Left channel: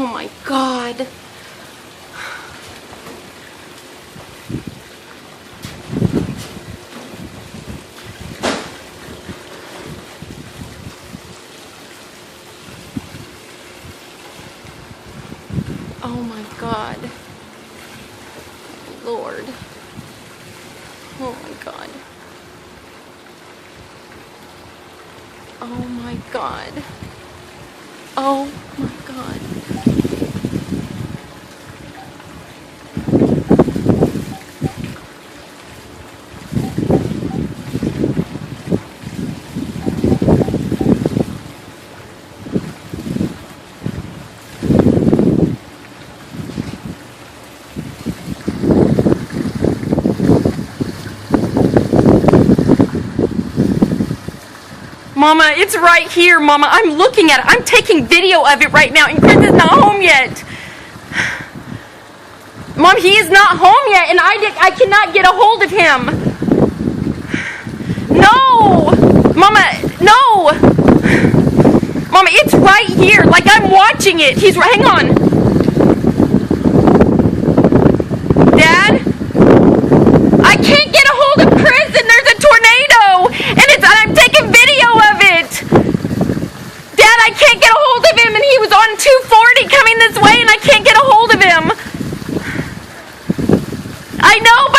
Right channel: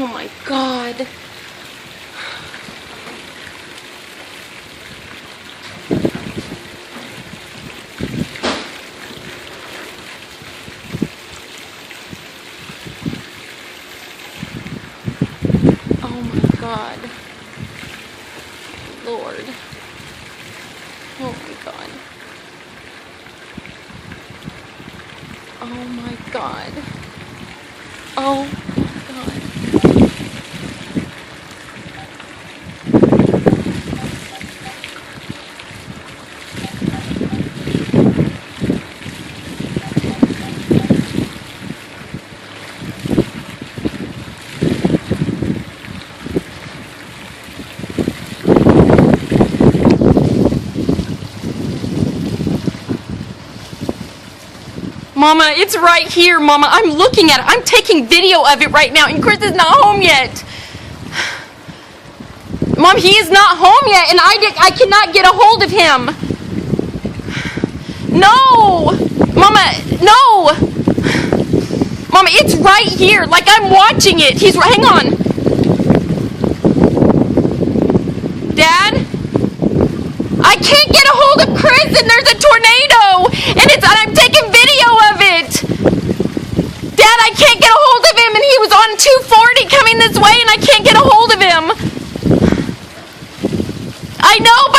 Oh my God. Oh my God. Lord. Oh my God. Oh my God. Oh my God. Mama, it's right here, Mama. I'm looking at it. I'm taking video of it right now, and Chris is not home yet. Mom, he is not home yet, and I cannot get a hold of him. No! Mama, no! Mama, it's right here. Like, I'm watching it. Hang on. Dad? I can't get a hold of Chris, and there's a tornado, and I'm taking video of it. Dad, I can't get a hold of him, and he was on 240 coming this way, and I can't get a hold of him. I know, but